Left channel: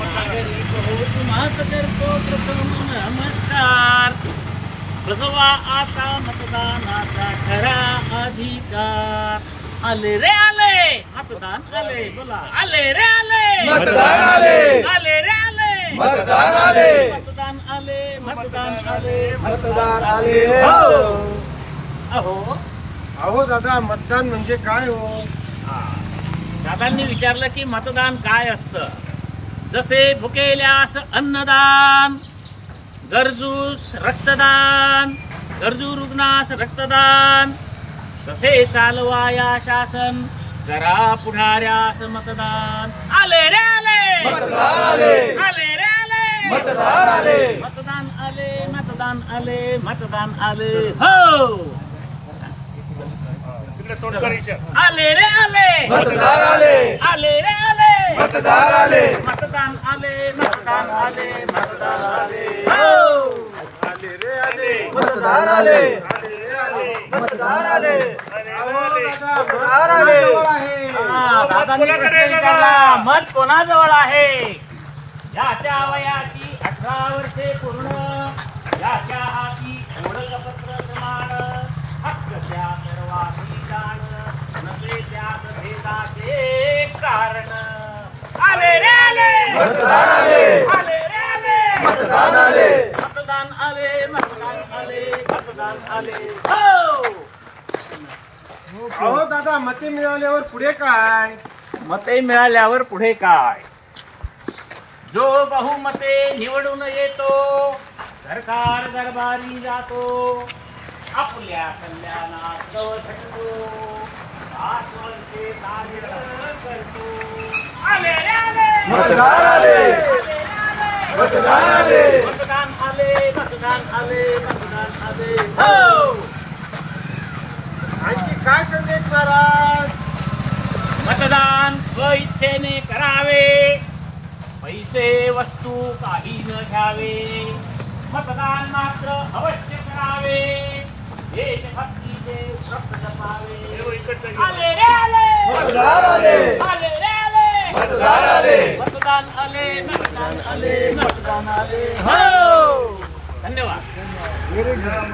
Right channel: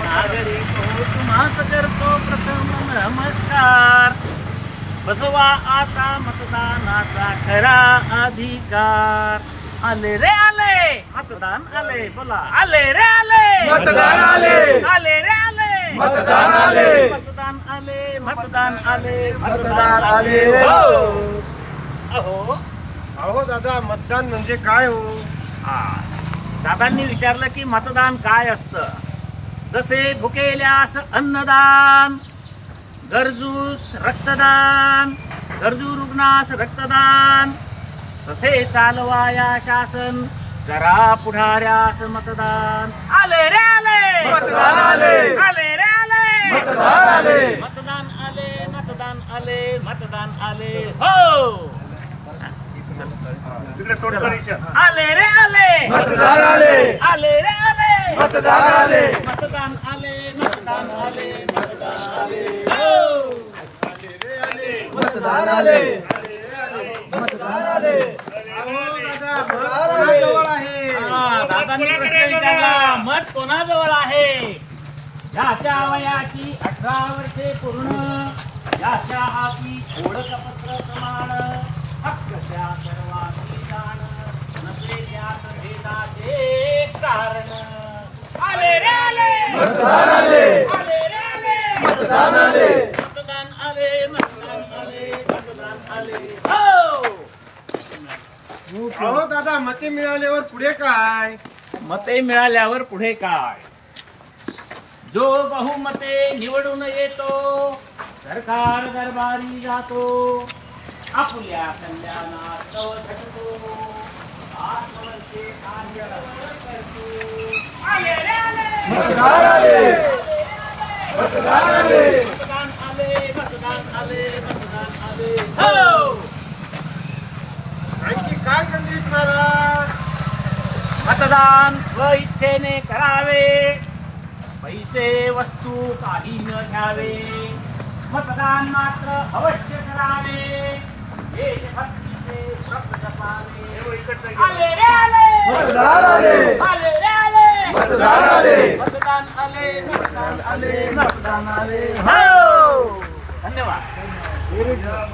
नागरिक हो तुम्हास करतो प्रथम नमस्कार. बसवा आता मतदानाचा खरा अधिकार. आले रे आले मतदान आले. बोला आले रे आले मतदान आले. आले रे आले मतदान आले. मतदान आले. मतदान आले. मतदान आले. अहो अहो दादा, मतदान म्हणजे काय हो? दादांनी विचारलं की मतदान काय असतं. जसे भुकेल्यास अन्नदान, गरजूस रक्तदान, गरजू रुग्णास रक्तदान, तसे चालवाया शासन, करा पुढाऱ्यास मतदान. आले रे आले मतदान आले. आले रे आले मतदान आले. मतदान आले. मतदान आले. मतदान आले. हो आले रे आले मतदान आले. आले रे आले मतदान आले. मतदान आले. मतदान आले. मतदान आले. हो आले रे आले. मतदान आले. आले रे आले. मतदान आले. अहो दादा, मतदान जवळ आहे. दादांनी प्रश्न विचारला, मत कोणाजवळ आहे? ज्याच्या वयाची 18 वर्षे पूर्ण, ज्याच्या हाती ओळखपत्र समान, हक्काच्या सर्वांची जाण, नसे त्यात भेदाचे कारण. आले रे आले मतदान आले. आले रे आले मतदान आले. मतदान आले. मतदान आले. मतदान आले. हो अहो दादा, मते मिळाल्यावर पुढे काय? मते मिळाल्यावर पुढे काय? जो बहुमते निवडून येतो, सरकार दरबारी जातो, आपल्या कल्याणात कव भेटतो, 5 वर्षे कार्य करतो. आले रे आले. मतदान आले. मतदान आले. मतदान आले. मतदान आले. मतदान आले. हो आणखी काय संदेश महाराज? मतदान स्वइच्छेने करावे, पैसे वस्तू काही न घ्यावे, मतदान मात्र अवश्य करावे, देशभक्तीचे व्रत जपावे. आले रे आले. मतदान आले. आले रे आले. मतदान आले. मतदान आले. मतदान आले. मतदान आले. हो धन्यवाद.